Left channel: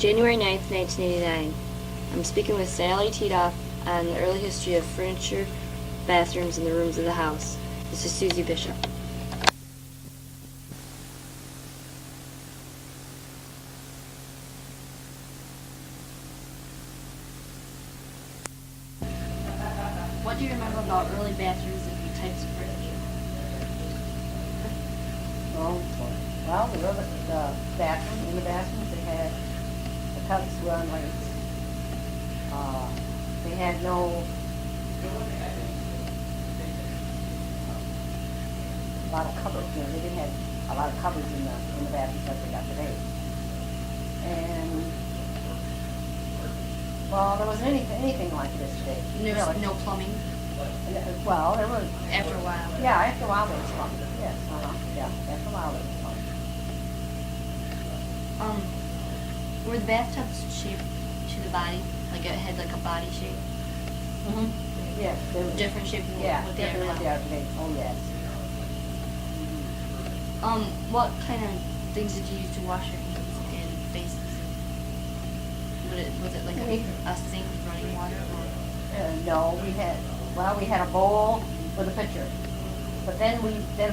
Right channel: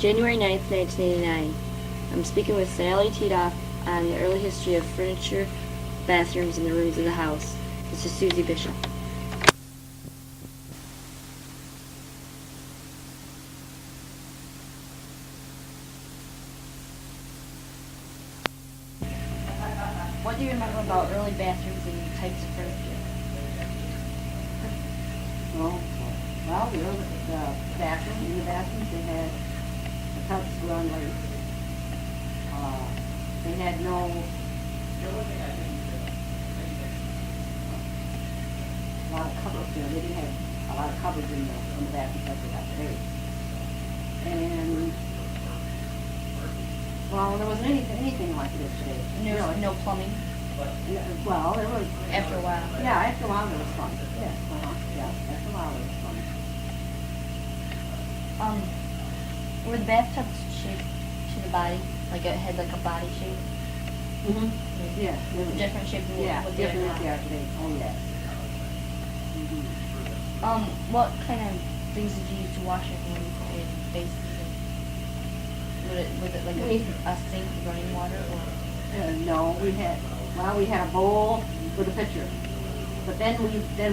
January 9th, 1989. I'm speaking with Sally Tithof on the early history of furniture, bathrooms, and the rooms of the house. This is Susie Bishop. What do you remember about early bathrooms and types of furniture? Well, in the bathrooms, they had the tubs were on lights. They had no, a lot of cupboards, they didn't have a lot of cupboards in the bathrooms like they got today. And, well, there wasn't anything like this today. And there was no plumbing? Well, there was. After a while? Yeah, after a while there was plumbing, yes, after a while there was plumbing. Were the bathtubs shaped to the body? Like it had like a body shape? Mm-hmm. Yeah. They were Different shape than different than they are today. Oh, yes. Mm-hmm. What kind of things did you use to wash your hands and faces? Was it like a sink, running water, or? No, we had a bowl with a pitcher. But then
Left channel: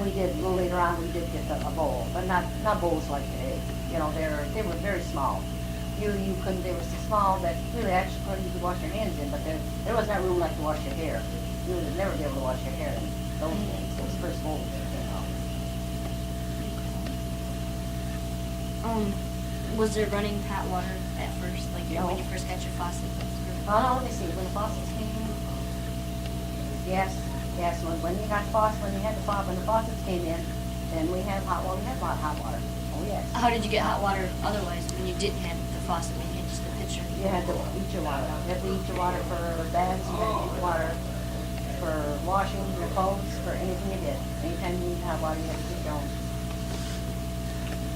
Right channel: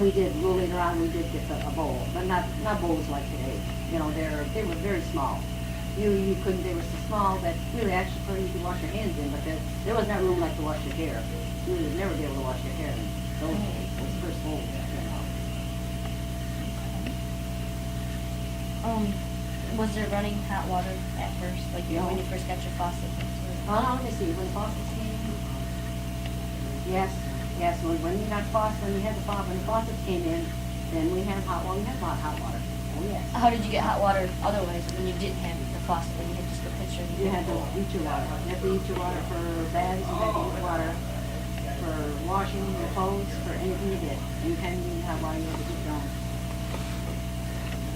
we did, a little later on, we did get a bowl, but not bowls like today. You know, they were very small. You couldn't, they were so small that you would actually, you could wash your hands in, but there was not room like to wash your hair. You would never be able to wash your hair in those days, those first bowls that came out. Was there running hot water at first, like No. when you first got your faucet? Let me see, when faucets came, yes, when you got faucets, when the faucets came in, then we had hot water, hot water, oh yes. How did you get hot water otherwise when you didn't have the faucet, when you had just the pitcher? You had to heat your water, you had to heat your water for baths, you had to heat your water for washing your clothes, for anything you did. Anytime you needed hot water, you had to heat your own.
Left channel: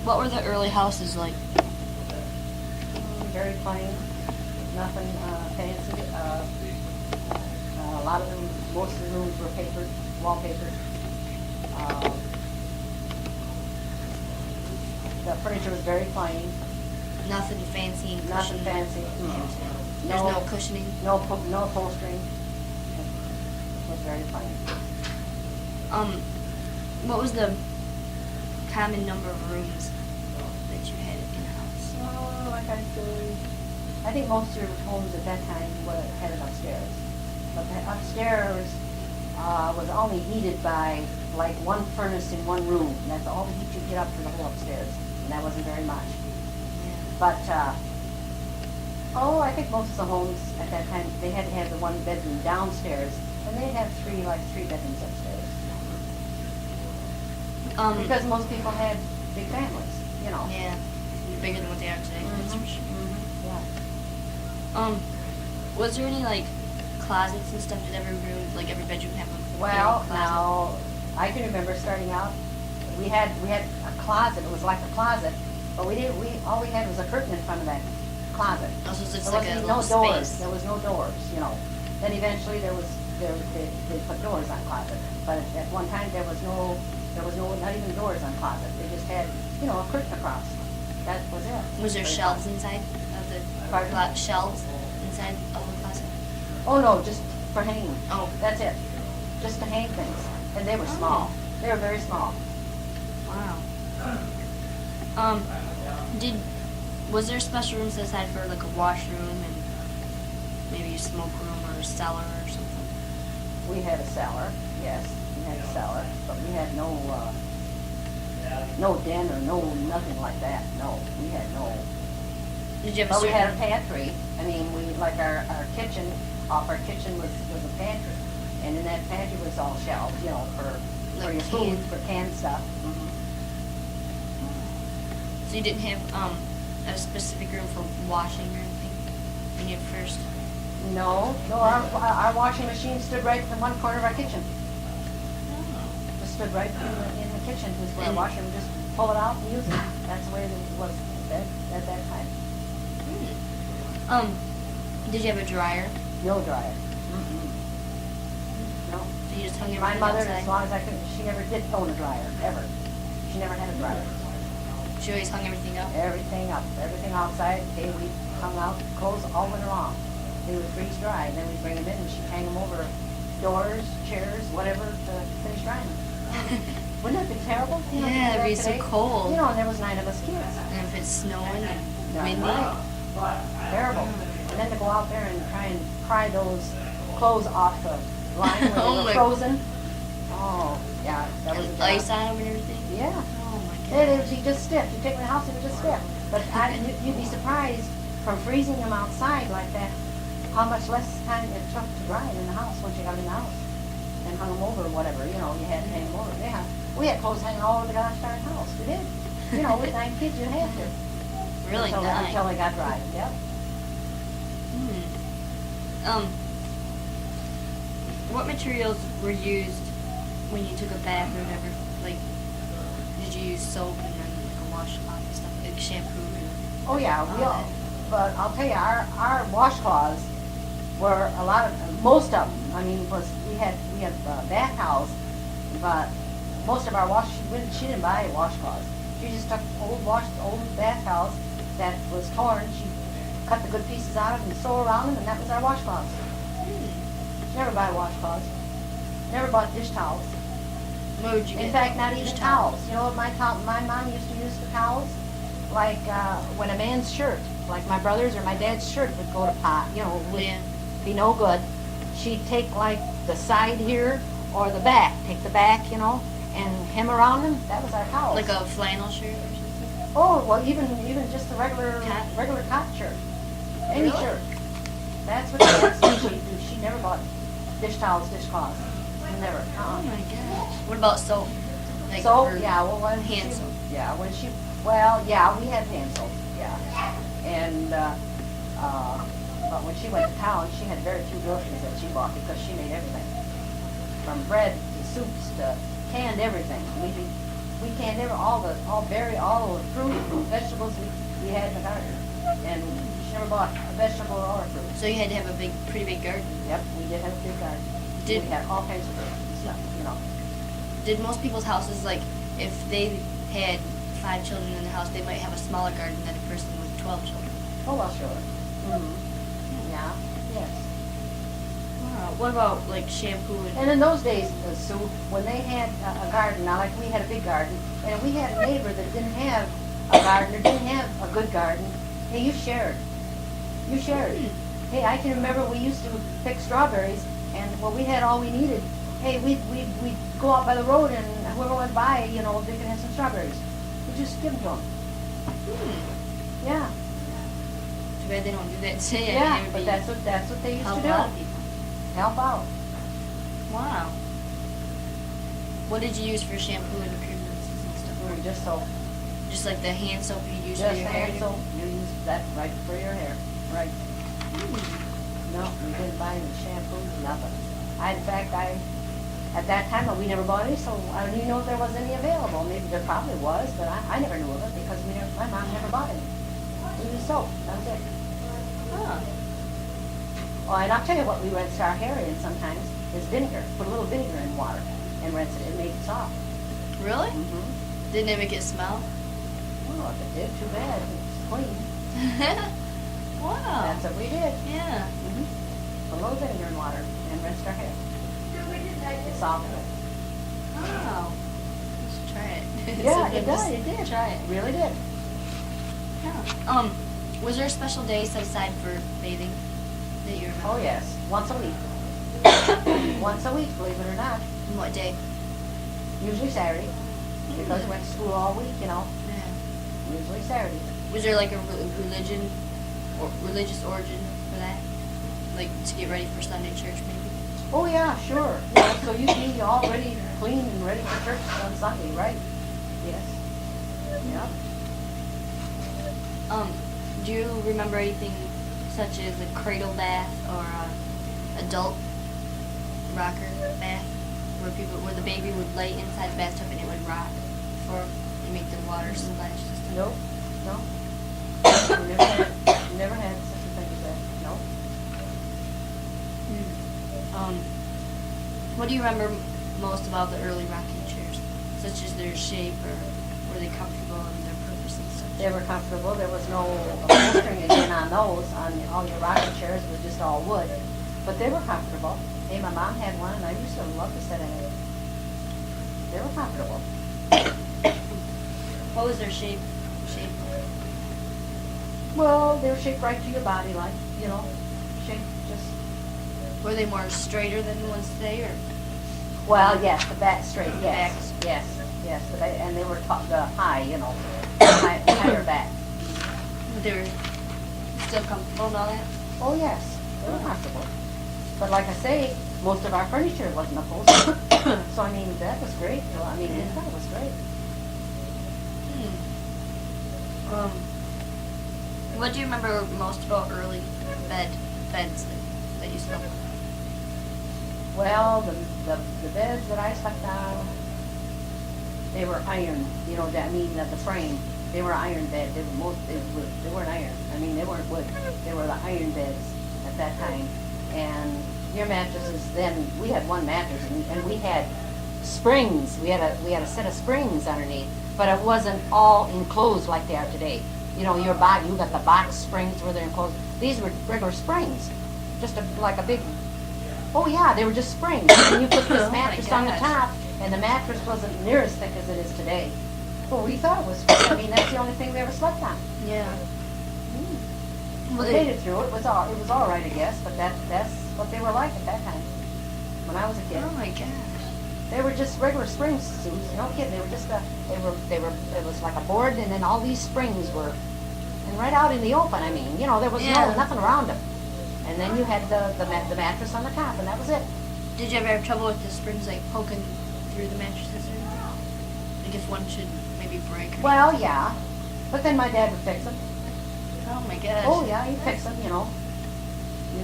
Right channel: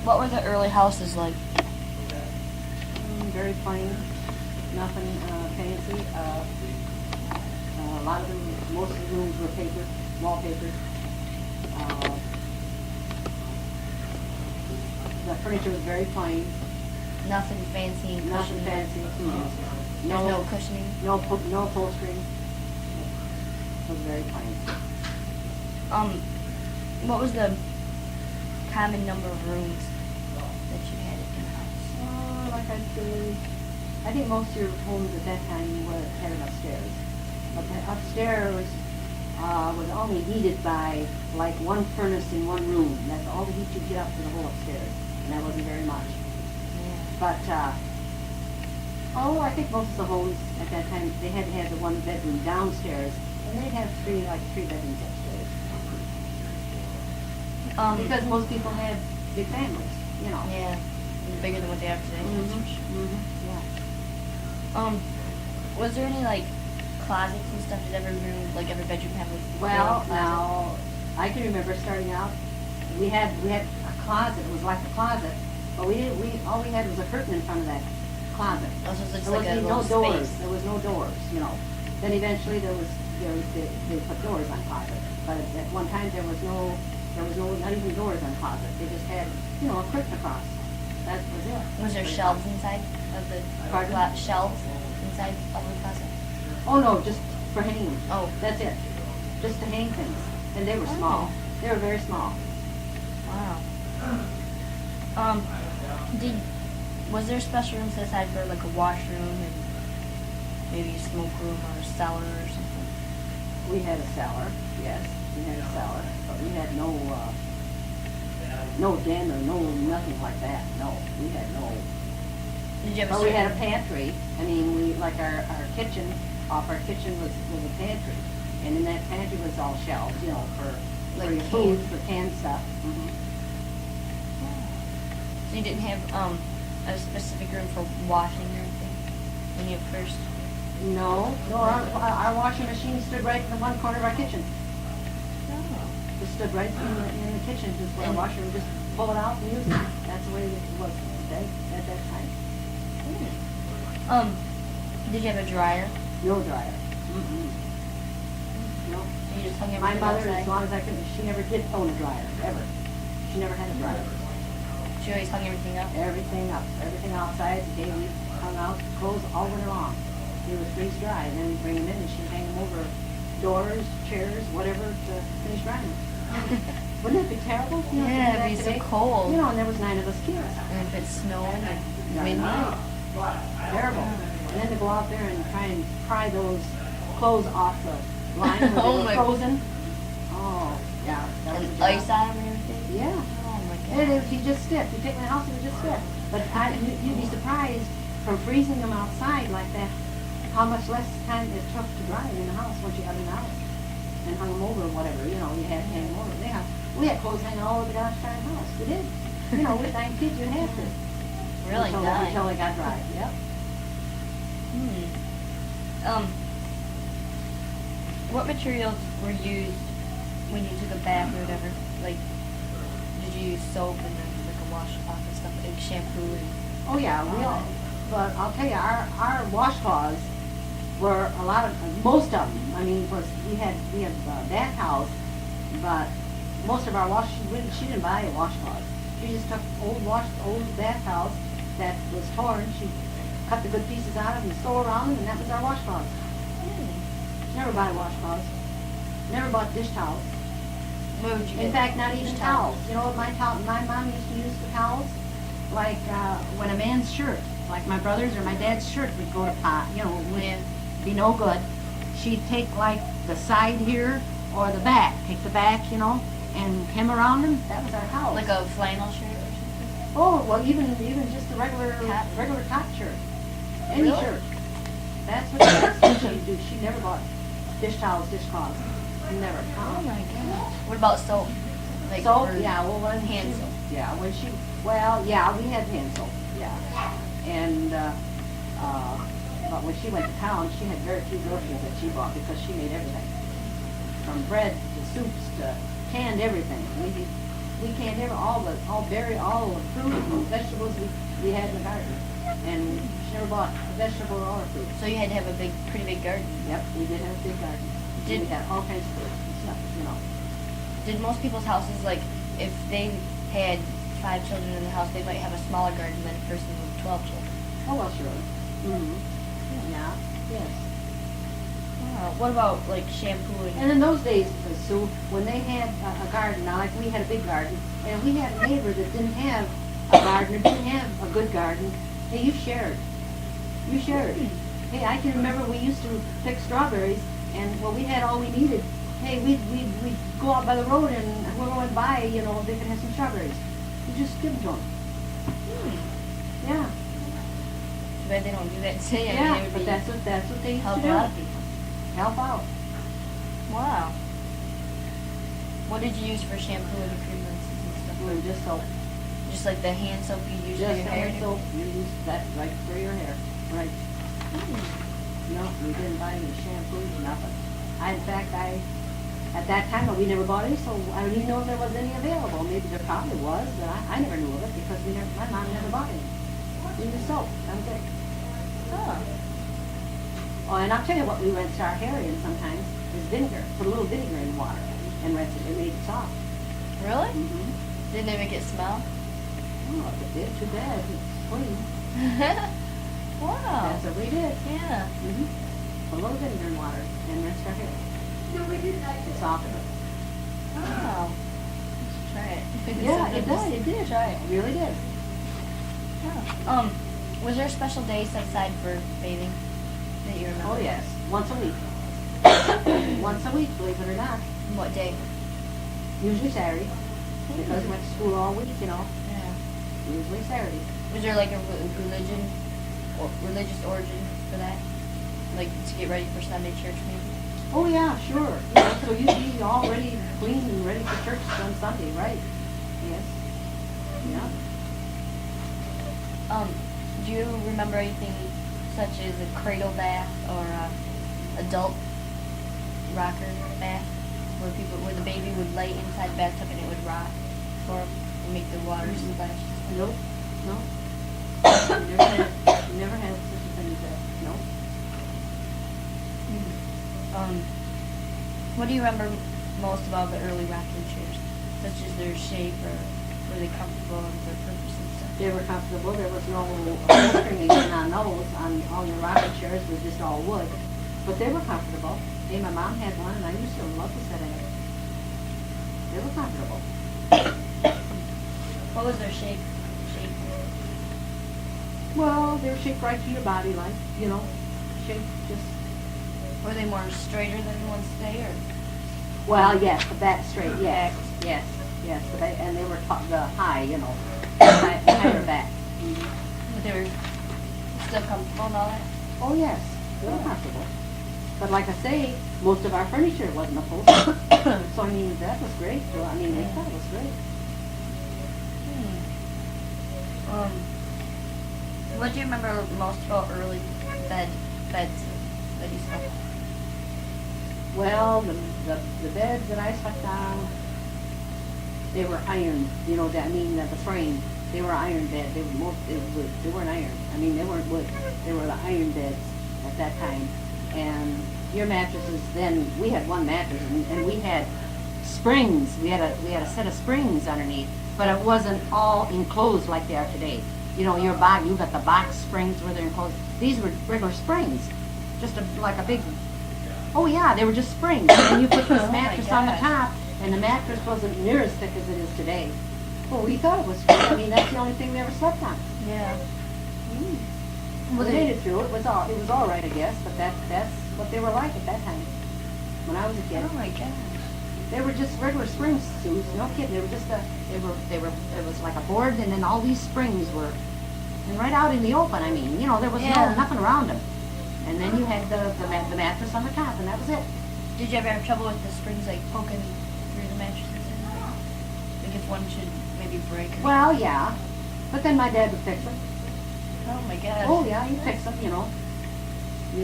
What were the early houses like? Very plain, nothing fancy. A lot of them, most of the rooms were papered, wallpapered. The furniture was very plain. Nothing fancy. Nothing fancy. Mm-hmm. There's no cushioning. No upholstery. It was very plain. What was the common number of rooms that you had in a house? I think most of your homes at that time had it upstairs. But the upstairs was only heated by like one furnace in one room. That's all the heat you get up from the whole upstairs, and that wasn't very much. Yeah. But I think most of the homes at that time they had to have the one bedroom downstairs, and they'd have three bedrooms upstairs. Because most people had big families, you know. Yeah, bigger than what they are today. That's for sure. Yeah. Was there any like closets and stuff? Did every room, like every bedroom, have like Well, a closet? now I can remember starting out. We had a closet. It was like a closet, but all we had was a curtain in front of that closet. Oh, so it's just There like a was little no doors. space. There was no doors, you know. Then eventually they put doors on closet, but at one time there was no not even doors on closet. They just had a curtain across. That was it. Was there shelves inside of the Pardon? shelves inside of the closet? Oh no, just for hanging. Oh. That's it. Just to hang things. And they were small. Oh. They were very small. Wow. Was there special rooms set aside for like a washroom and maybe a smoke room or a cellar or something? We had a cellar, yes, we had a cellar, but we had no den or nothing like that, no, we had no. Did you have a But we had a certain? pantry, I mean, our kitchen, off our kitchen was a pantry, and in that pantry was all shelves, for Like your food. food, for canned stuff. So you didn't have a specific room for washing or anything when you first? No, our washing machine stood right in one corner of our kitchen. It stood right in the kitchen, just where the washer would just pull it out and use it. That's the way it was at that time. Did you have a dryer? No dryer. No. So you just hung My everything mother, outside? as long as I could, she never did own a dryer, ever. She never had a dryer. She always hung everything up. Everything up, everything outside. Okay, we hung out clothes all winter long. They would freeze dry, and then we'd bring them in, and she'd hang them over doors, chairs, whatever, to finish drying. Wouldn't that be terrible? You know, Yeah, it'd be so today? cold. You know, and there was 9 of us kids. And if it's snowing and Yeah, windy. right. Terrible. And then to go out there and try and pry those clothes off the line where Oh they my- were frozen. Oh, yeah, that was a And job. ice on them and everything. Yeah. Oh my It god. would be just stiff. You take my house, it was just stiff. But you'd be surprised from freezing them outside like that, how much less time it took to dry them in the house once you got them in the house. And hung them over or whatever, you know, you had to hang them over. Yeah. We had clothes hanging all over the gosh darn house. We did. You know, with 9 kids, you had to. Really until, nice. until they got dry. Yep. What materials were used when you took a bath or whatever? Like, did you use soap and then like a washcloth and stuff, like shampoo and? Oh, yeah, we all, but I'll tell you, our washcloths were a lot of, most of them, I mean, was, we had bath towels, but most of our she didn't buy a washcloth. She just took old bath towels that was torn, she cut the good pieces out of them and sew around them, and that was our washcloths. Never buy washcloths. Never bought dish towels. What would you get? In fact, not Dish even towels. towels. You know what my mom used to use for towels? Like, when a man's shirt, like my brother's or my dad's shirt would go to pot, you know, would Yeah. be no good. She'd take like the side here or the back, take the back, you know, and hem around them. That was our towels. Like a flannel shirt or something? Oh, well, even just the regular cotton shirt. Any Really? shirt. That's what she'd do. She never bought dish towels, dishcloths. Never. Oh my gosh. What about soap? Like Soap, for yeah, well, when hand she, soap. yeah, when she, well, yeah, we had hand soap, yeah. And, but when she went to town, she had very few groceries that she bought because she made everything. From bread to soups to canned everything. We canned all the fruit and vegetables we had in the garden. And she never bought a vegetable or fruit. So you had to have a pretty big garden. Yep, we did have a big garden. Did- We had all kinds of fruit and stuff, you know. Did most people's houses, like, if they had 5 children in their house, they might have a smaller garden than a person with 12 children? Oh, well, sure. Mm-hmm. Yeah, yes. Wow. What about, like, shampoo and... And in those days, Sue, when they had a garden, now like we had a big garden, and we had a neighbor that didn't have a garden or didn't have a good garden, hey, you shared. You shared. Hey, I can remember we used to pick strawberries, and when we had all we needed, hey, we'd go out by the road, and whoever went by, you know, they could have some strawberries. We just give them to them. Yeah. Too bad they don't do that today. I mean, Yeah, it would but be that's what they used to help do. out people. Help out. Wow. What did you use for shampoo and creams and stuff? Just so. Just like the hand soap you use for Just your hair? hand soap, you use that right for your hair, right. No, we didn't buy any shampoos, nothing. In fact, at that time, we never bought any, so I didn't know if there was any available. Maybe there probably was, but I never knew of it because my mom never bought any. We used soap, that was it. Oh. Oh, and I'll tell you what we rinse our hair in sometimes, is vinegar. Put a little vinegar in water and rinse it, it made it soft. Really? Mm-hmm. Didn't it make it smell? Oh, if it did, too bad, it's clean. Wow. That's what we did. Yeah. Mm-hmm. Put a little vinegar in water and rinse our hair. It softened it. Wow. Let's try it. Yeah, So it just did, it did. Try it. Really did. Yeah. Was there a special day set aside for bathing that you remember? Oh, yes, once a week. Once a week, believe it or not. And what day? Usually Saturday, because we went to school all week, you know. Yeah. Usually Saturday. Was there like a religion or religious origin for that? Like to get ready for Sunday church, maybe? Oh, yeah, sure. Yeah, so you'd be all ready, clean and ready for church on Sunday, right? Yes. Yeah. Do you remember anything such as a cradle bath or a adult rocker bath, where the baby would lay inside the bathtub and it would rock for 'em and make the water splash? No, no. Never had such a thing as that, no. What do you remember most about the early rocking chairs, such as their shape or were they comfortable and their purposes? They were comfortable, there was no upholstering again on those, on all your rocking chairs, it was just all wood. But they were comfortable. Hey, my mom had one, and I used to love to sit in it. They were comfortable. What was their shape? Well, they were shaped right to your body, like, you know, shaped just, Were they more straighter than the ones today, or? well, yes, the back straight, yes, Backs. yes, but and they were the high, you know, higher back. But they were still comfortable and all that? Oh, yes, they were comfortable. But like I say, most of our furniture wasn't upholstered. So, I mean, that was great. Well, I mean, I thought it was great. What do you remember most about early beds that you slept? Well, the beds that I slept on, they were iron, you know, I mean, the frame, they were iron beds, they weren't iron, I mean, they weren't wood, they were the iron beds at that time. And your mattresses, then, we had one mattress, and we had springs, we had a set of springs underneath, but it wasn't all enclosed like they are today. You know, your body, you got the box springs where they're enclosed, these were regular springs, just like a big, oh yeah, they were just springs, and you put this mattress on the gosh. top, and the mattress wasn't near as thick as it is today. Well, we thought it was, I mean, that's the only thing we ever slept on. Yeah. We made it through, it was all right, I guess, but that's what they were like at that time, when I was a kid. Oh my gosh. They were just regular springs, Suze, no kidding, they were just it was like a board, and then all these springs were, and right out in the open, I mean, you know, there was Yeah. nothing around them. And then you had the mattress on the top, and that was it. Did you ever have trouble with the springs like poking through the mattresses or anything? Like if one should maybe break or Well, yeah, but then my dad would fix them. Oh my gosh. Oh, yeah, he'd fix them, you know.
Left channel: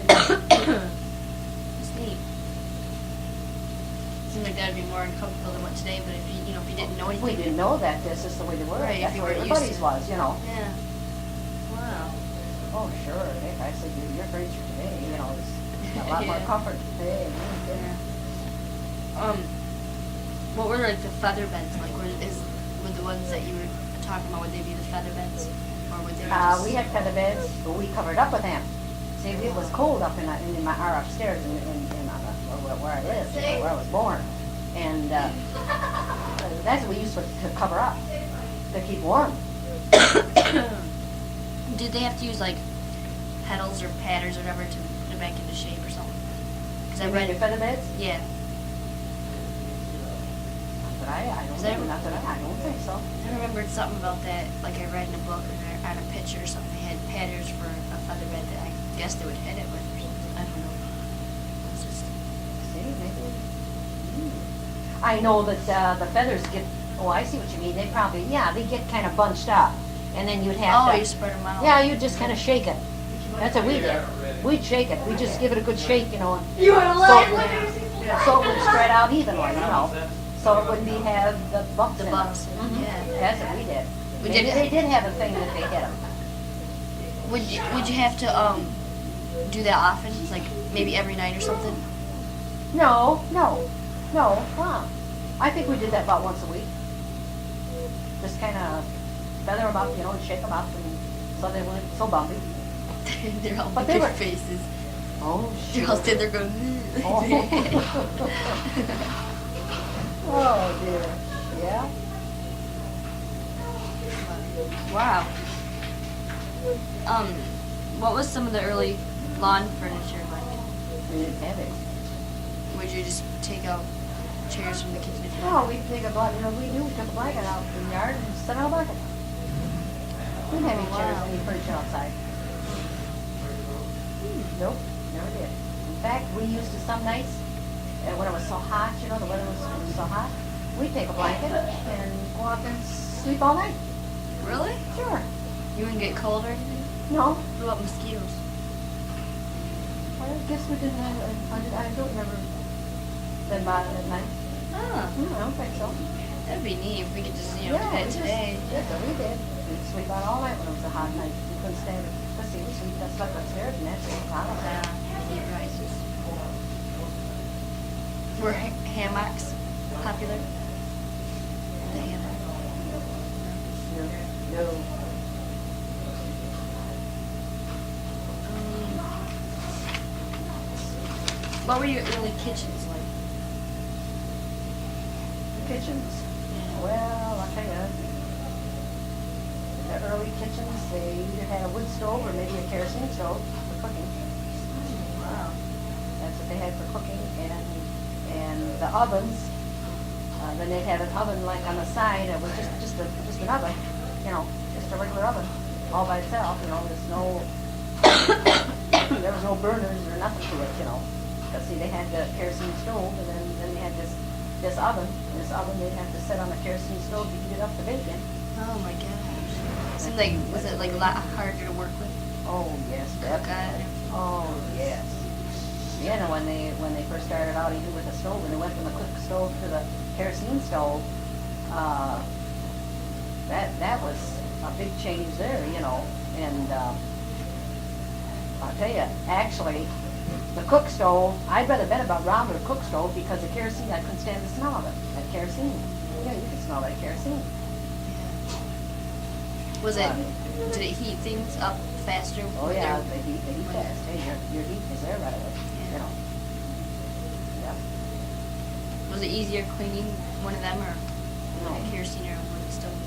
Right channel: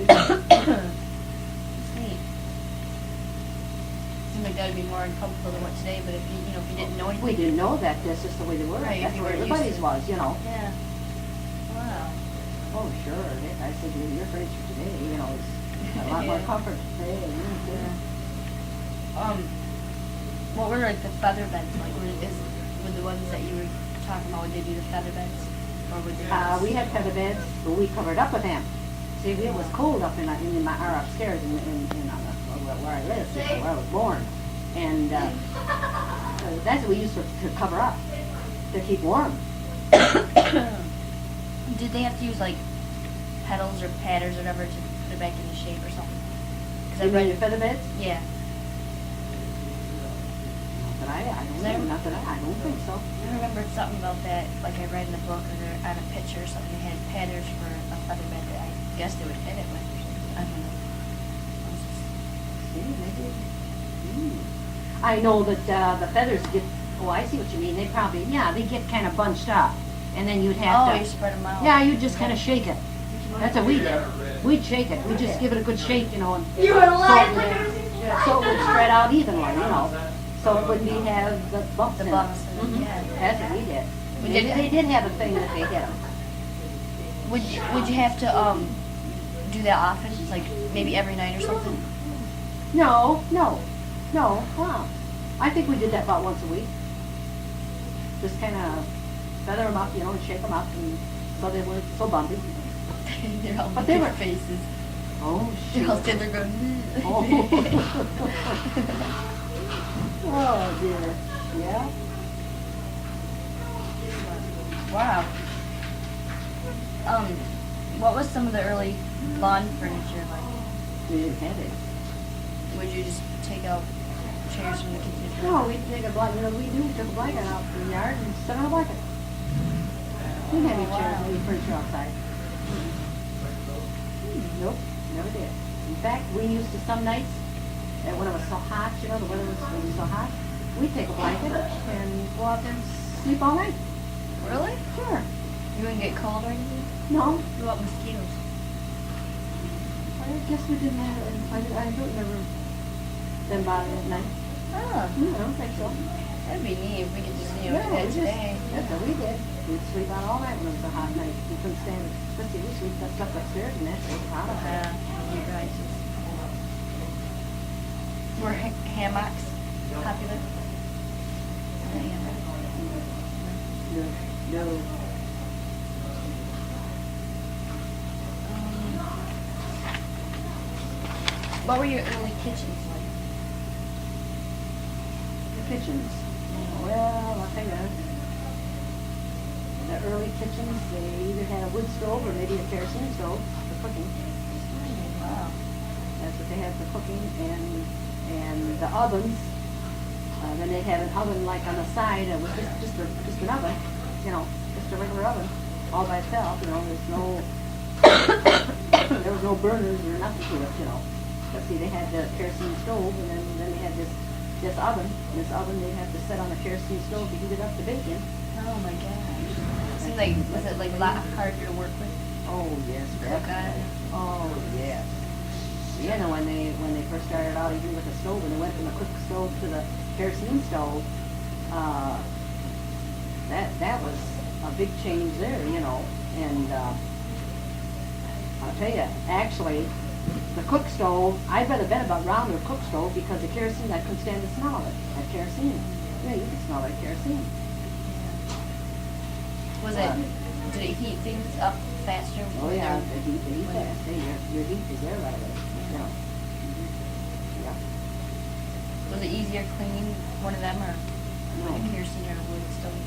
That's neat. Seems like that would be more uncomfortable than what today, but if you didn't know anything. We didn't know that this is the way they were, Right, that's if you what weren't used everybody's to it. was, you know. Yeah. Wow. Oh, sure, if I said your furniture today, you know, is a lot more Yeah. comfort today. What were like the feather beds like? Were the ones that you were talking about? Would they be the feather beds, or would they? We had feather beds, but we covered up with them. See, it was cold up in my, or upstairs where I lived, where I was born. And that's what we used to cover up, to keep warm. Did they have to use like pedals or padders or whatever to put it back into shape or something? Because You mean your feather beds? Yeah. But I don't think so. I remembered something about that, like I read in a book or on a picture or something. They had padders for a feather bed that I guess they would hit it with. I don't know. It's just- See, maybe. I know that the feathers get, oh, I see what you mean, they probably, yeah, they get kind of bunched up, and then you'd have Oh, to. you spread them out. Yeah, you just kind of shake it. That's what we did. We'd shake it, we'd just give it a good shake, you know. You were lying. So it would spread out evenly, you know, so it wouldn't have the bumps in it. bumps in it, yeah. That's what we did. We They did- they did have a thing that they hit them. Would you have to do that often? Like maybe every night or something? No, wow. I think we did that about once a week. Just kind of feather them up, you know, and shake them up, and so they weren't so bumpy. They're all But big they were- faces. Oh, They're all standing there going. Oh, dear. Yeah? Wow. What was some of the early lawn furniture like? We didn't have it. Would you just take out chairs from the kitchen? If you No, we'd take a blanket, we took a blanket out to the yard and set out a bucket. We didn't have any Oh, chairs, wow. any furniture outside. Nope, never did. In fact, we used to some nights, when it was so hot, you know, the weather was so hot, we'd take a blanket and go out and sleep all night. Really? Sure. You wouldn't get cold or anything? No, What about mosquitoes? I guess we didn't have, I don't remember them bothering at night. Ah, I don't think so. that'd be neat if we could just, do we that just- today. That's what we did. We'd sleep out all night when it was a hot night. We couldn't stand it. Let's see, we slept upstairs and that's just hot up there. Heat rises. Were hammocks popular? The hammock. No, What were your early kitchens like? The kitchens, well, I'll tell you, the early kitchens, they either had a wood stove or maybe a kerosene stove for cooking. Wow. That's what they had for cooking, and the ovens, then they'd have an oven like on the side, it was just an oven, you know, just a regular oven, all by itself, you know, there's no, there was no burners or nothing to it, you know. But see, they had the kerosene stove, and then they had this oven, and this oven they'd have to set on the kerosene stove to heat it up to bacon. Oh my gosh. Seemed like, was it like a lot harder to work with? Oh, yes, Cook definitely. on? Oh, yes. Yeah, and when they first started out even with the stove, and they went from the cook stove to the kerosene stove, that was a big change there, you know. And I'll tell you, actually, the cook stove, I'd rather bet about around the cook stove because the kerosene, I couldn't stand the smell of it. That kerosene, yeah, you can smell that kerosene. Was it, did it heat things up faster? Oh yeah, they heat fast. Hey, your heat is there right away, you know. Yeah. Was it easier cleaning one of them or No. a kerosene or a wood stove?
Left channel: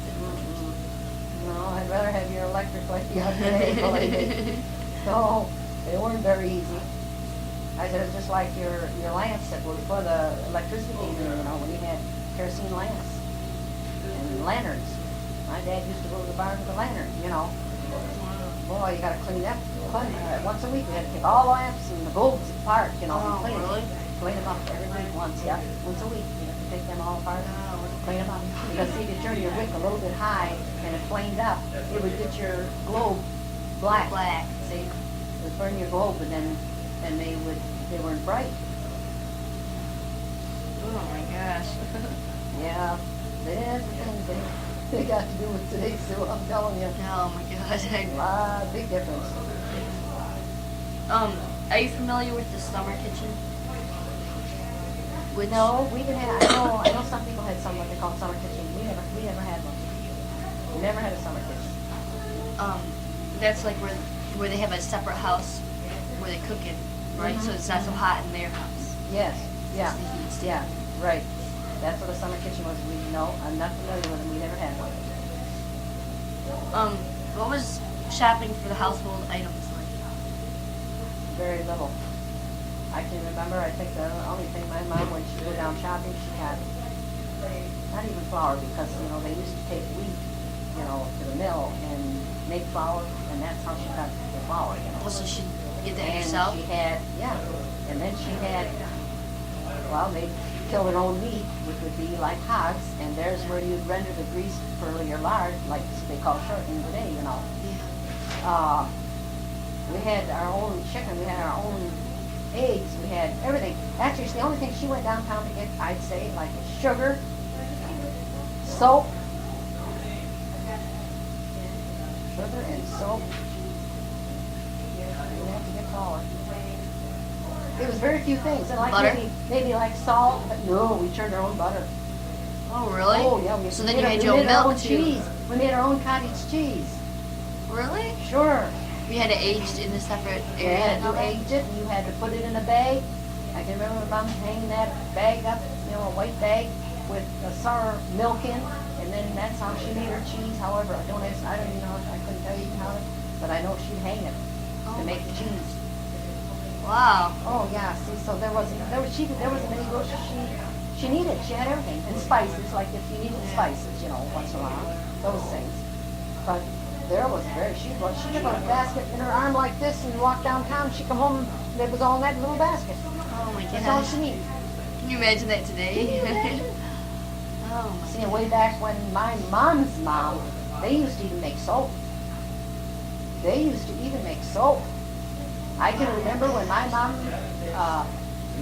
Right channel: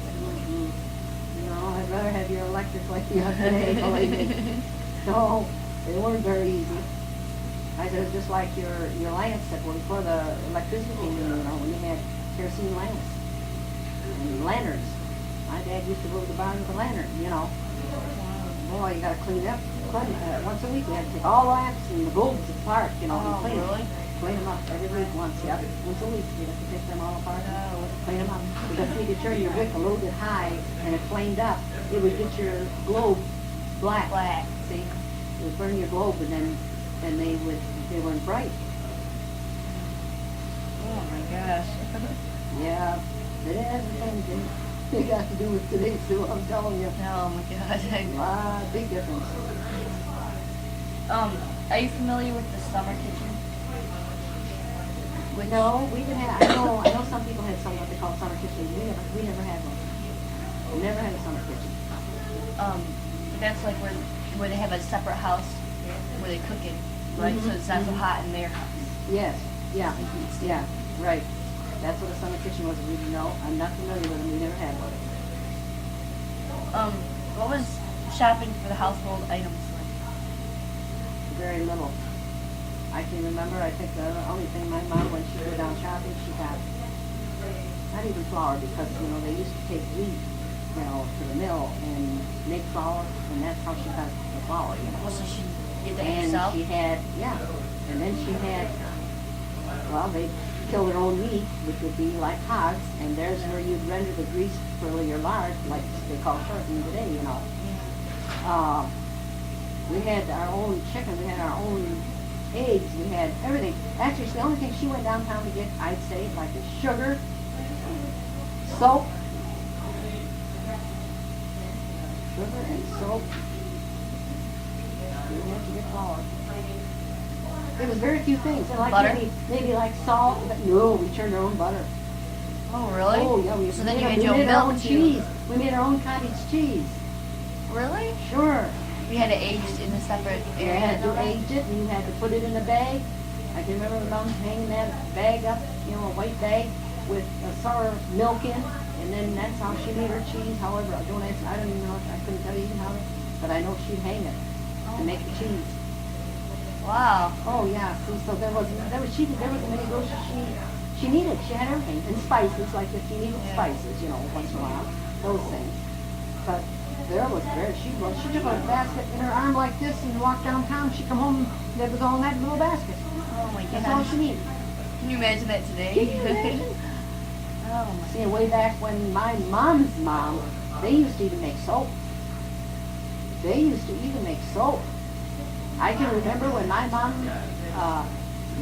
No, I'd rather have your electric like the other day, believe me. No, they weren't very easy. I said, it's just like your lamps that were before the electricity came in, you know, when you had kerosene lamps and lanterns. My dad used to go to the barn with a lantern, you know. Boy, you gotta clean up. Once a week, we had to take all the lamps and the bulbs apart, you know, and Oh, clean really? them. Clean them up every week once, yeah. Once a week, you have to take them all apart, clean them up. Because if you turn your wick a little bit high and it flamed up, it would get your globe black. Black. See, it would burn your globe, and then they weren't bright. Oh my gosh. Yeah, they had everything they got to do with today, Sue, I'm telling you. Oh my gosh. Big difference. Are you familiar with the summer kitchen? Which, No, we didn't have, I know some people had some what they call summer kitchen. We never had one. We never had a summer kitchen. That's like where they have a separate house where they cook it, right? Mhm, So it's not so mhm. hot in their house. Yes, yeah, So the heat's still- yeah, right. That's what a summer kitchen was. No, I'm not familiar with them. We never had one. What was shopping for the household items like? Very little. I can remember, I think the only thing my mom, when she would go down shopping, she had, not even flour, because, you know, they used to take wheat, you know, to the mill and make flour, and that's how she got the flour, you know. So she get that And yourself? she had, yeah, and then she had, well, they kill their own meat, which would be like hogs, and there's where you'd render the grease for your lard, like they call shortening today, you know. Yeah. We had our own chicken, we had our own eggs, we had everything. Actually, the only thing she went downtown to get, I'd say, like is sugar, soap, sugar and soap. You have to get flour. It was very few things, and like Butter? maybe like salt, but no, we turned our own butter. Oh, really? Oh, yeah, we So then made you our- made we your own made our milk own too. cheese. We made our own cottage cheese. Really? Sure. We had it aged in a separate You area. had to age it, and you had to put it in a bag. I can remember Mom hanging that bag up, you know, a white bag with a sour milk in, and then that's how she made her cheese. However, I don't even know, I couldn't tell you how to, but I know she'd hang it to make the cheese. Wow. Oh, yeah, see, so there wasn't many groceries she needed. She had everything, and spices, like if she needed spices, you know, once in a while, those things. But there was she took a basket in her arm like this and walked downtown. She come home, and it was all in that little basket. Oh my That's all gosh. she needed. Can you imagine that today? Oh my. See, way back when my mom's mom, they used to even make soap. They used to even make soap. I can remember when my mom,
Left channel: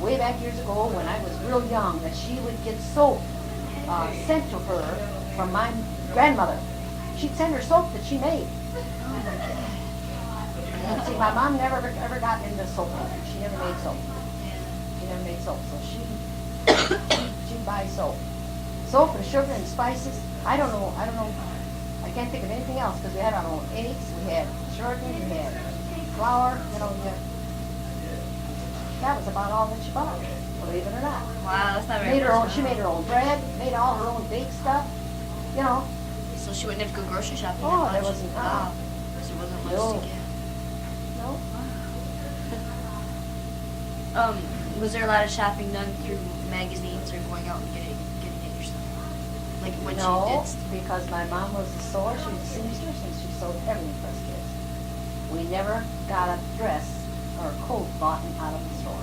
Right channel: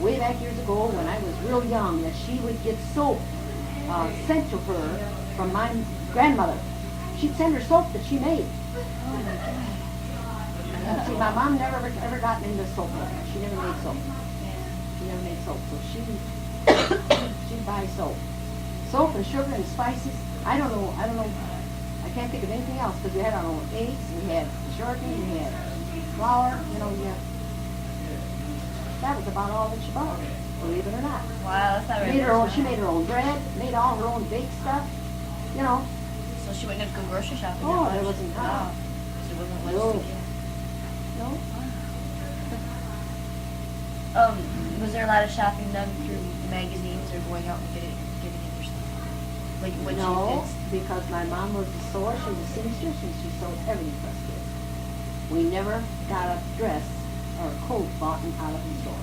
way back years ago, when I was real young, that she would get soap sent to her from my grandmother. She'd send her soap that she made. See, my mom never ever got into soap. She never made soap. She never made soap, so she'd buy soap. Soap and sugar and spices. I don't know. I can't think of anything else because we had our own eggs, we had shortening, we had flour, you know, we had. That was about all that she bought, believe it or not. Wow, that's not very Made her own, much, she huh? made her own bread, made all her own baked stuff, you know. So she wouldn't have to go grocery shopping. Oh, that there much. wasn't- Wow. So it wasn't much No. to get. No. Was there a lot of shopping done through magazines or going out and getting it yourself? Like when No, she did. because my mom was a sewer, she was a seamstress, and she sewed everything for us kids. We never got a dress or a coat bought out of the store.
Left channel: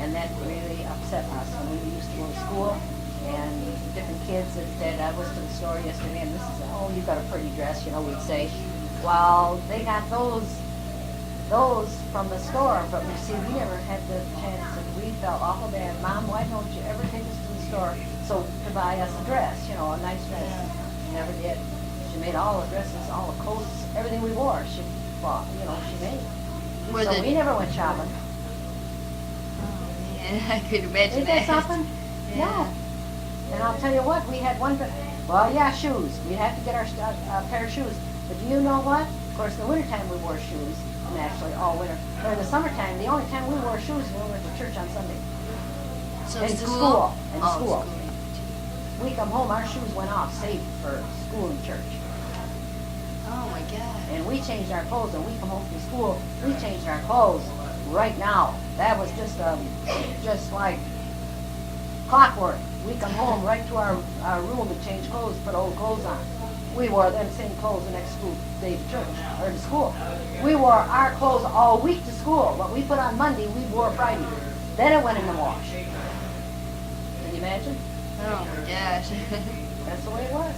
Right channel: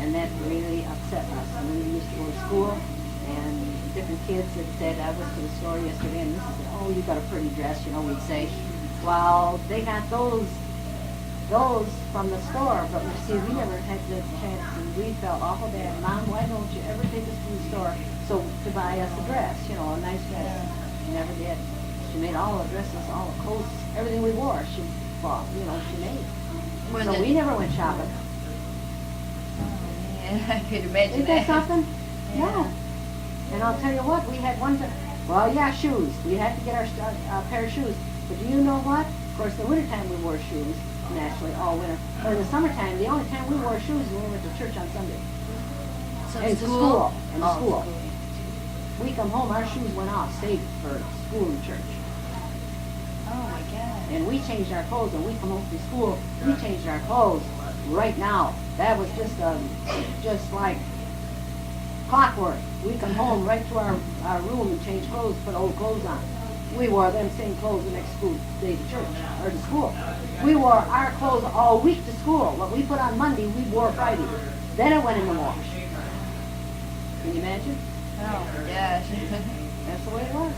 And that really upset us. And when we used to go to school, and different kids that said, I was to the store yesterday, and this is, oh, you got a pretty dress, you know, we'd say, well, they got those from the store, but you see, we never had the chance, and we felt awful bad. Mom, why don't you ever take us to the store to buy us a dress, you know, a nice dress? She never did. She made all the dresses, all the coats, everything we wore, she bought, you know, she made. Were So the- we never went shopping. Yeah, I could imagine Ain't that something? Yeah. No. And I'll tell you what, we had one, well, yeah, shoes. We had to get our pair of shoes. But do you know what? Of course, in the wintertime we wore shoes, naturally, all winter. But in the summertime, the only time we wore shoes was when we went to church on Sunday. So And to school? school. And to Oh, school. We come home, our shoes went off safe for school and church. Oh my God. And we changed our clothes, and we come home from school, we changed our clothes right now. That was just like clockwork. We come home right to our room and change clothes, put old clothes on. We wore them same clothes the next school day to church, or to school. We wore our clothes all week to school. What we put on Monday, we wore Friday. Then it went in the wash. Can you imagine? Oh my gosh. That's the way it was.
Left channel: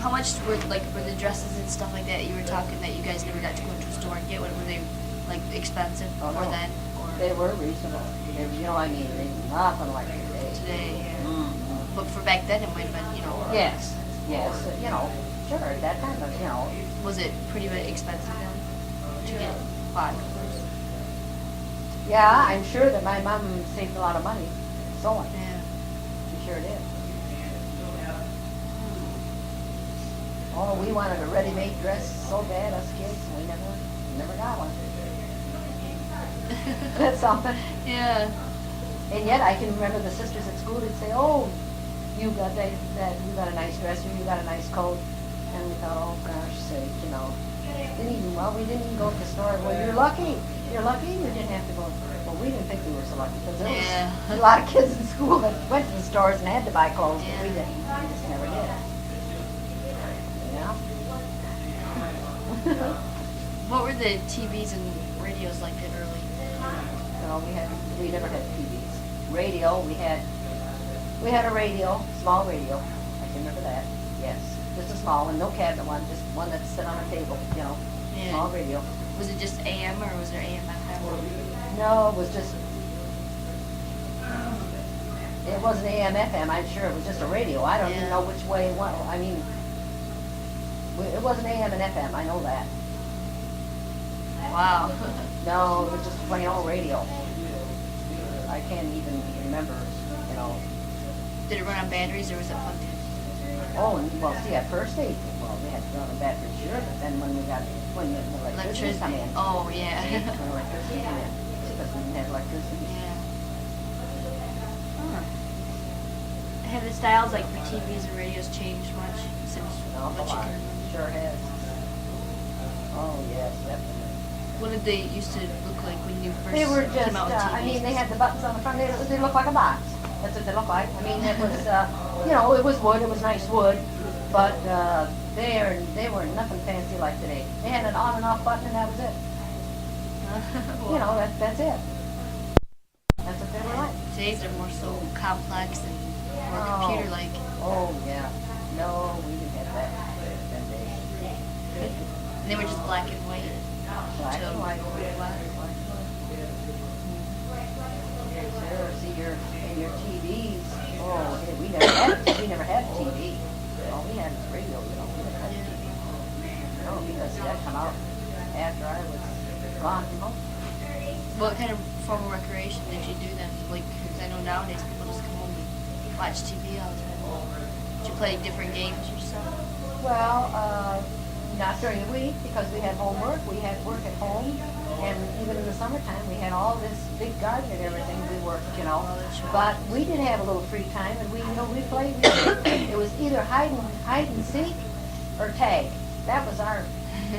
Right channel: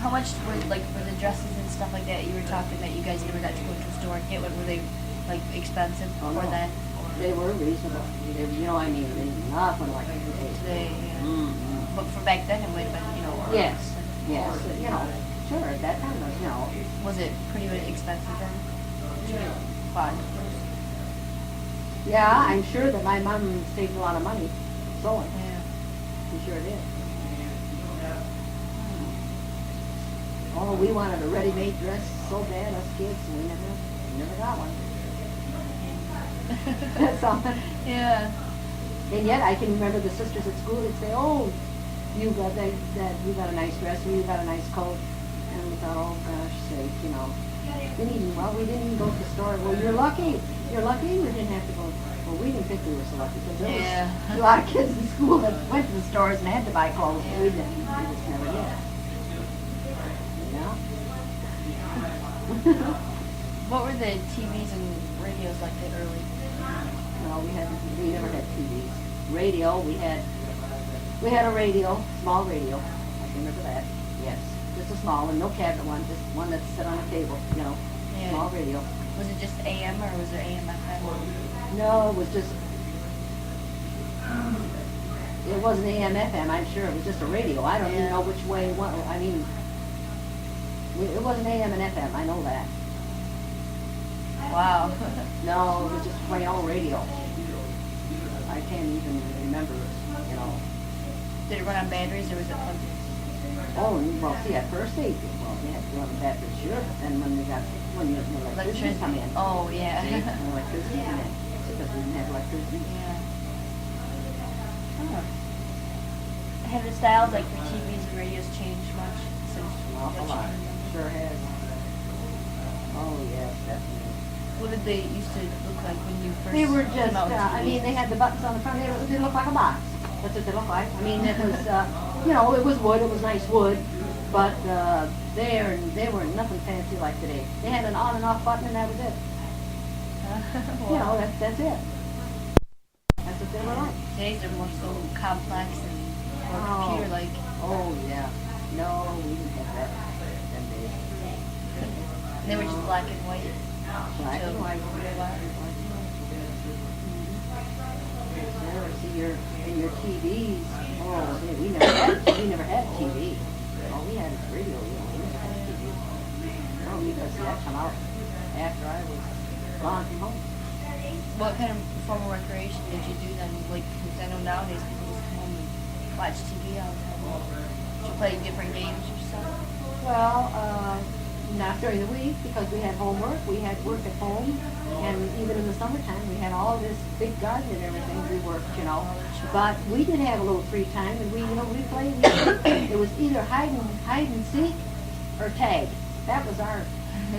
How much were the dresses and stuff like that you were talking that you guys never got to go to a store and get? What were they like expensive Oh, for no. then? They were reasonable. They, you know, I mean, they nothing like today. Today, yeah. Mm-hmm. But for back then, it might have been, you know. Yes, yes, you know, sure, at that time, but, you know, Was it pretty expensive then to get by clothes? yeah, I'm sure that my mom saved a lot of money sewing. Yeah. She sure did. Oh, we wanted a ready-made dress so bad, us kids, and we never got one. That's something. Yeah. And yet, I can remember the sisters at school would say, "Oh, you got you got a nice dress, or you got a nice coat," and we thought, "Oh gosh, sake, you know." We didn't even go to the store. Well, you're lucky. You're lucky, you didn't have to go. Well, we didn't think we were so lucky because there Yeah. was a lot of kids in school that went to the stores and had to buy clothes, but we Yeah. didn't. We just never did. Yeah. What were the TVs and radios like that early? No, we never had TVs. Radio, we had a radio, small radio. I can remember that. Yes, just a small one, no cabinet one, just one that's set on a table. You know, Yeah. small radio. Was it just AM or was there AM FM? No, it was just. It wasn't AM FM. I'm sure it was just a radio. I don't even Yeah. know which way it went. I mean, it wasn't AM and FM. I know that. Wow. No, it was just plain old radio. I can't even remember. You know. Did it run on batteries or was it plugged in? Oh, well, see, at first we had to run the battery, sure, but then when the electricity come in. Oh, yeah. When electricity come in, because we didn't have electricity. Yeah. Huh. Have the styles like for TVs and radios changed much since An awful what you lot. can remember? Sure has. Oh, yes, definitely. What did they used to look like when you first They were came just, out with TVs? I mean, they had the buttons on the front, they looked like a box. That's what they looked like. I mean, it was, you know, it was wood, it was nice wood, but they were nothing fancy like today. They had an on and off button and that was it. You know, that's it. That's what they were like. Today's are more so complex and more Oh. computer-like. Oh, yeah. No, we didn't have that them days. And they were just black and white. Black and white. Sure, see your TVs. Oh, we never had a TV. All we had was radio, you know. We never had a TV. No, because that come out after I was gone from home. What kind of form of recreation did you do then? Like, 'cause I know nowadays people just come home and watch TV all the time. Did you play different games or something? Well, Not during the week, because we had homework, we had work at home, and even in the summertime, we had all this big garden and everything, we worked, you know. But we did have a little free time, and we, you know, we played, it was either hide and seek or tag. That was our,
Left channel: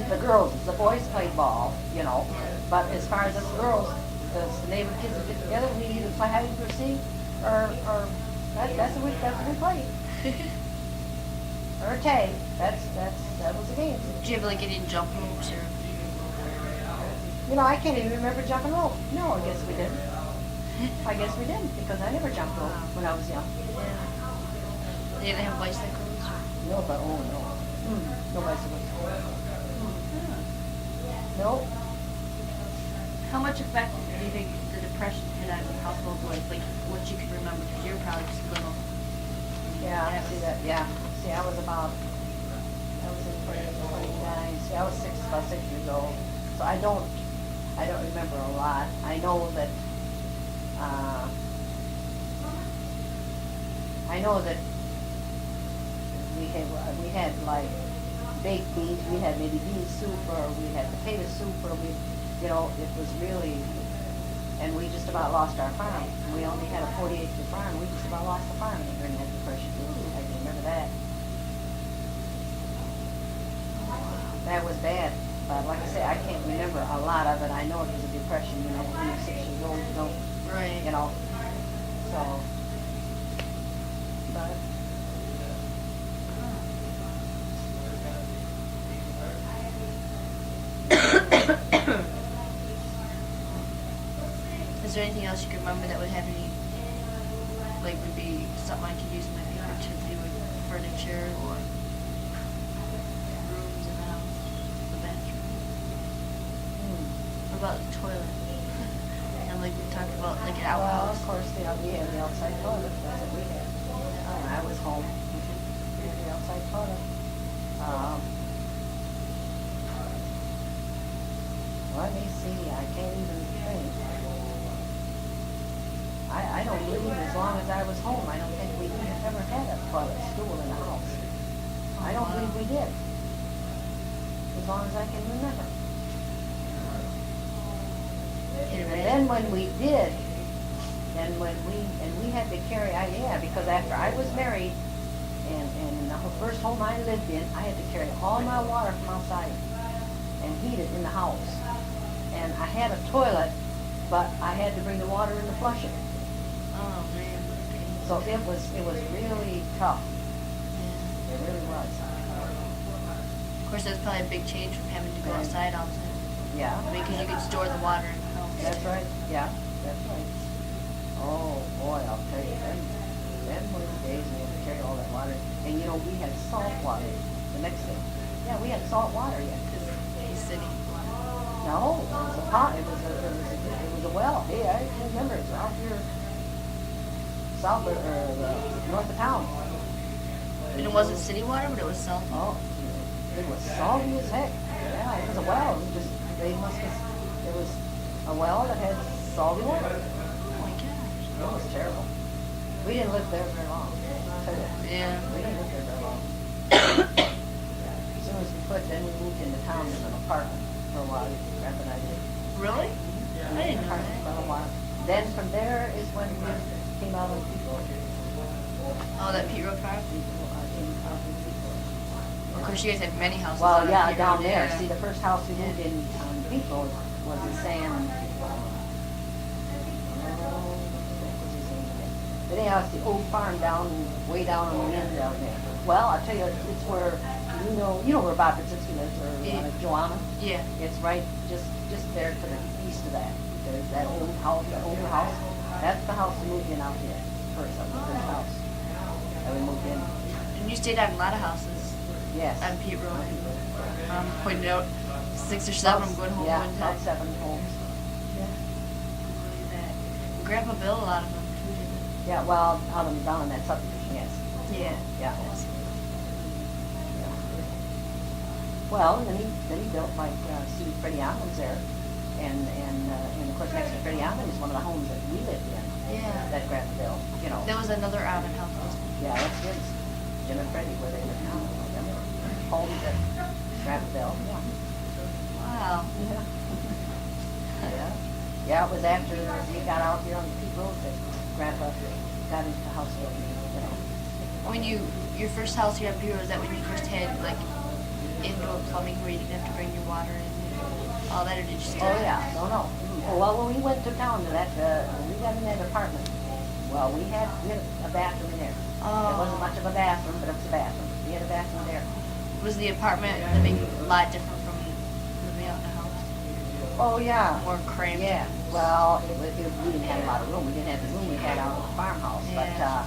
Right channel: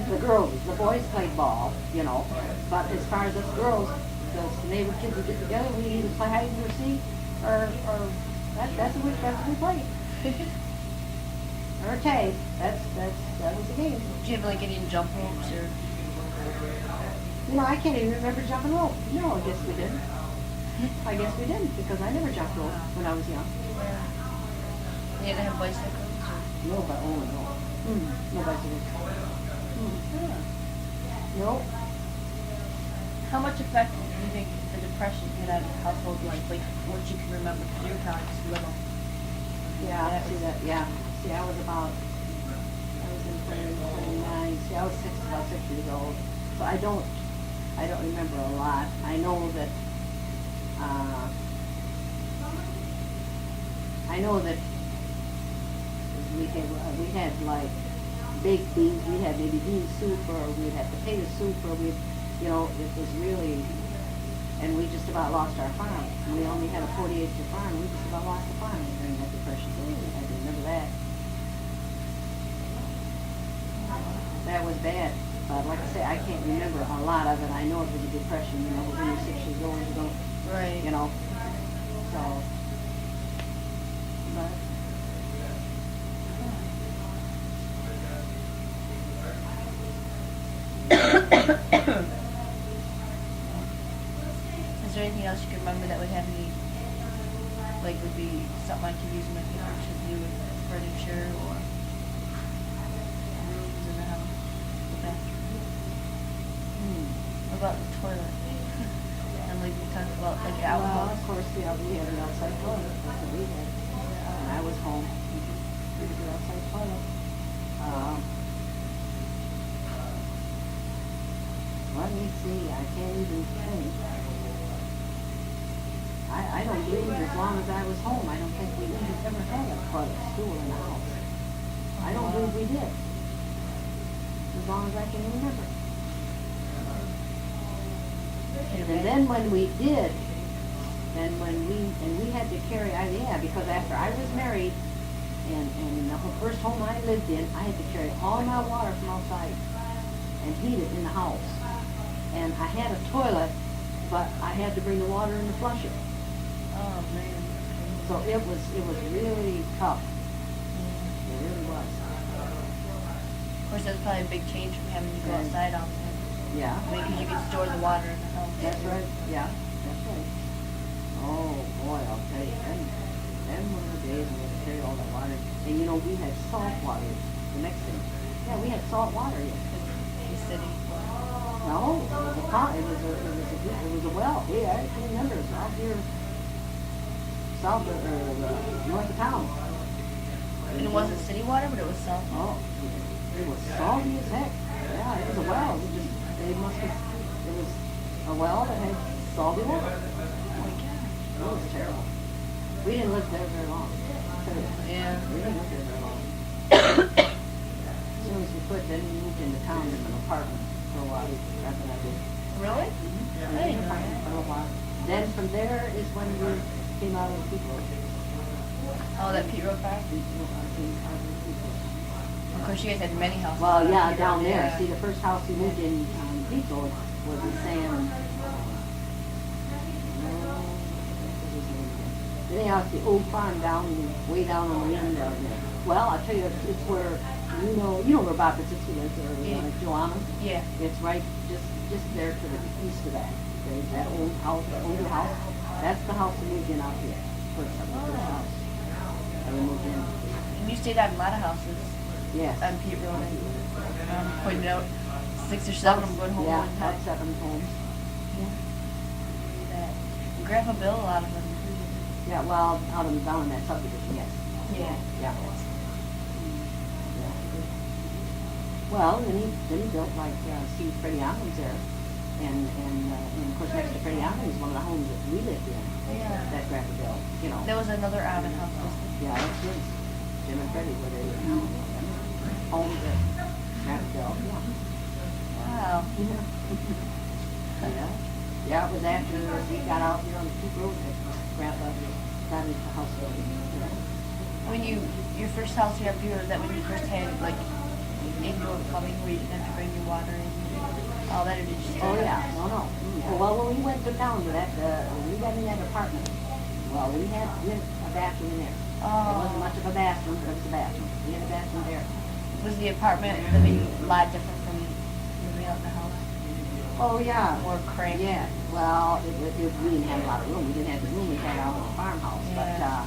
the girls, the boys played ball, you know. But as far as us girls, the neighbor kids would get together, we either play hide and seek, or that's what we played. Or tag, that was the game. Do you have like any jump ropes or? You know, I can't even remember jumping rope. No, I guess we didn't. I guess we didn't, because I never jumped rope when I was young. They didn't have bicycles? No, but, oh, no. No bicycles. No. How much effect do you think the Depression had on household life, like what you can remember, because you were probably just little? Yeah, I see that, yeah. See, I was in 29, see, I was about 6 years old. So I don't remember a lot. I know that, we had like baked beans, we had maybe bean soup, or we had potato soup, or you know, it was really, and we just about lost our farm. We only had a 40-acre farm, we just about lost the farm during that Depression. I can remember that. That was bad, but like I say, I can't remember a lot of it. I know it was a depression, you know, when you're 6 years old, you don't, Right. you know, so, but. Is there anything else you can remember that would have any, like would be something I could use in my future to do with furniture or rooms in the house, the bathroom? What about the toilet? And like we talked about like Well, outhouse. of course, we had the outside toilet, that's what we had. When I was home, we had the outside toilet. Let me see, I can't even think. I don't believe as long as I was home, I don't think we ever had a toilet stool in the house. I don't believe we did. As long as I can remember. And then when we did, we had to carry, because after I was married, and in the first home I lived in, I had to carry all my water from outside and heat it in the house. And I had a toilet, but I had to bring the water in to flush it. Oh man. So it was really tough. Yeah. It really was. Of course, that's probably a big change from having to go outside all the time. Yeah. I mean, because you could store the water in the house. That's right. Yeah, that's right. Oh boy, I'll tell you, them were the days when we had to carry all that water. And you know, we had salt water the next day. Yeah, we had salt water, yeah. Because he's city. No, it was a pond, it was a well. Yeah, I can't remember, it was out here south north of town. And it wasn't city water, but it was salt. Oh, it was salty as heck. Yeah, it was a well. It was a well that had salty water. Oh my gosh. It was terrible. We didn't live there very long. I'll tell you. Yeah. We didn't live there very long. As soon as we could, then we moved into town in an apartment for a while. That's what I did. Really? Yeah, I didn't know that. for a while. Then from there is when we came out of Tithof. Oh, that Pete Road farm? Of course, you guys had many houses. Well, on yeah, Pete down Road, there. yeah. See, the first house we lived in Tithof was in Sam. Anyhow, it's the old farm way down on the end down there. Well, I'll tell you, it's where, you know where Bob Brzezinski lives, or Yeah. Joanna? Yeah. It's right just there to the east of that. There's that old house, that older house. That's the house we moved in out here. First, that was the first house that we moved in. And you stayed at a lot of houses Yes. on Pete Road. And pointed out 6 or 7 good homes Yeah, one about time. 7 homes. Yeah. Look at that. And Grandpa built a lot of them too, didn't Yeah, well, down in that subdivision, yes. he? Yeah. Yeah. That's, Yeah. Well, then he built like, Steve Freddie Allen's there. And of course, next to Freddie Allen is one of the homes that we lived in. Yeah. That Grandpa built, you know. there was another Allen house. Yeah, that's his. Jim and Freddie were there. Homes that Grandpa Bill, yeah. Wow. Yeah. Yeah. Yeah, it was after we got out here on the Peak Road that Grandpa got into the house building, you know. When your first house here up here, was that when you first had like indoor plumbing where you didn't have to bring your water in and all that, or did you still? Oh, yeah, no. Well, when we went to town to that, we got in that apartment. Well, we had a bathroom in there. It wasn't much of a bathroom, but it was a bathroom. We had a bathroom there. Was the apartment living a lot different from living out in the house? Oh, yeah. More cramped? Yeah, well, we didn't have a lot of room. We didn't have the room we had out at the farmhouse, Yeah.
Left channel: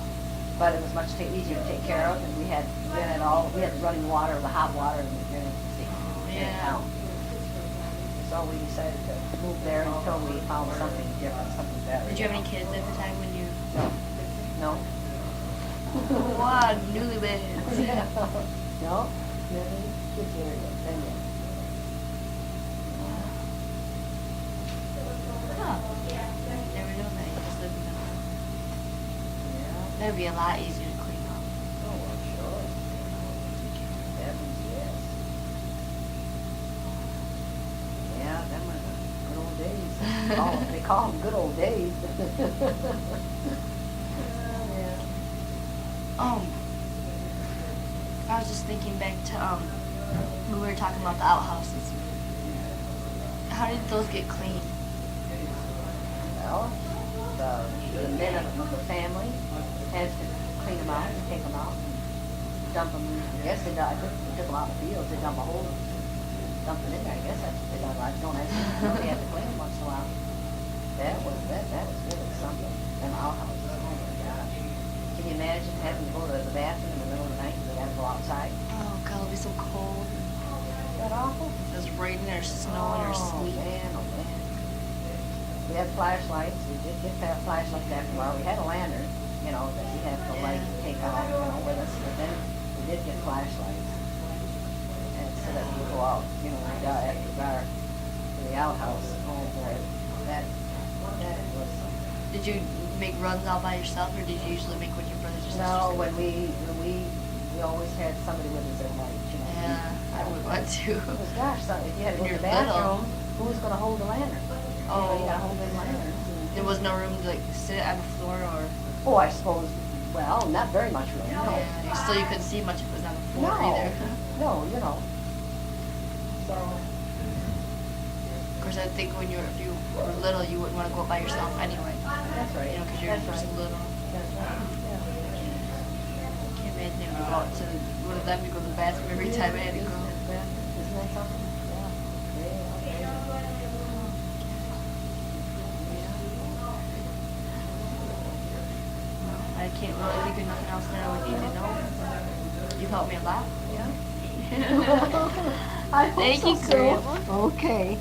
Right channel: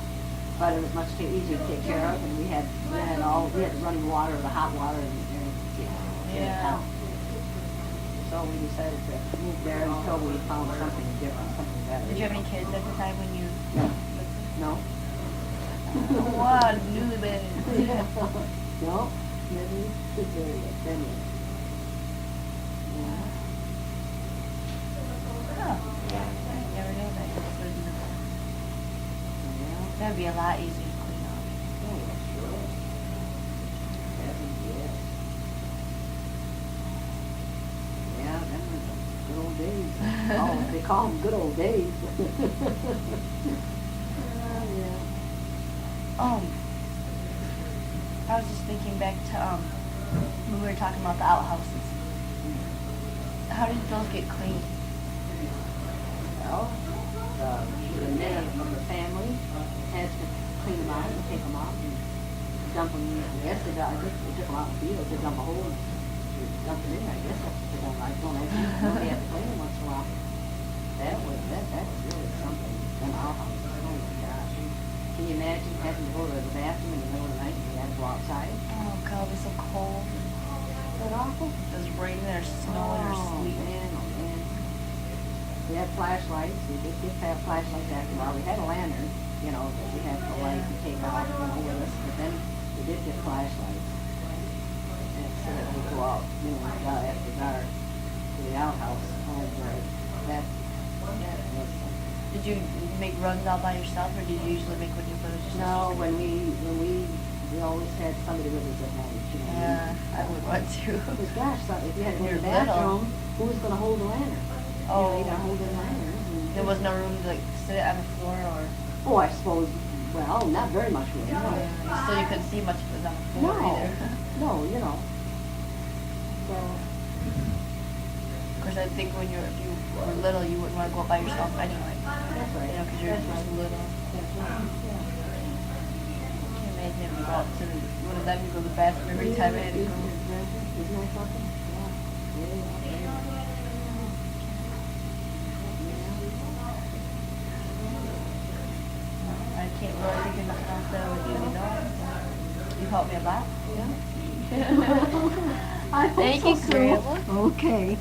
but it was much too easy to take care of, and we had the running water, the hot water, and Yeah. town. So we decided to move there until we found something different, something better. Did you have any kids at the time when you? No. Wow, newlyweds. No, really, good area, plenty. Huh. I never knew that. You just lived in the. Yeah. That'd be a lot easier to clean up. Oh, sure. Heavens, yes. Yeah, them were the good old days. They call them good old days. Yeah. I was just thinking back to when we were talking about the outhouses. How did those get cleaned? Well, the men of the family had to clean them out and take them out and dump them. Yes, I guess they took them out in the field to dump a hole, dump them in there. I guess that's what they done. I don't know. They had to clean them once in a while. That was really something. Them outhouses. Oh my gosh! Can you imagine having to go to the bathroom in the middle of the night and you had to go outside? Oh God, it'd be so cold. Is that awful? If it was raining or snowing or sleeting. Oh man. We had flashlights. We did get to have flashlights after a while. We had a lantern, you know, that we had to light and take out with us. But then we did get flashlights. And so that we go out, you know, we got after dark to the outhouse. Oh boy, that was. Did you make runs all by yourself, or did you usually make with your brothers or sisters? No, when we always had somebody with us at night, you know. Yeah, I would want to. Because gosh, so if you had to go to You're the bathroom, little. who's gonna hold the lantern? Oh. You gotta hold the lantern. There was no room to like sit on the floor, or Oh, I suppose, well, not very much room, no. yeah, still you couldn't see much if it was on the floor No, either. no, you know. So, Of course, I think when if you were little, you wouldn't want to go by yourself anyway. that's right. You know, because you're That's just right. little. That's right, yeah. I can't imagine having to go out to one of them to go to the bathroom every time I had to go. Isn't that something? Yeah. I can't really think of nothing else that I would need to know. You've helped me a lot. Yeah. I hope Thank so, you, Sue. Grandma. Okay.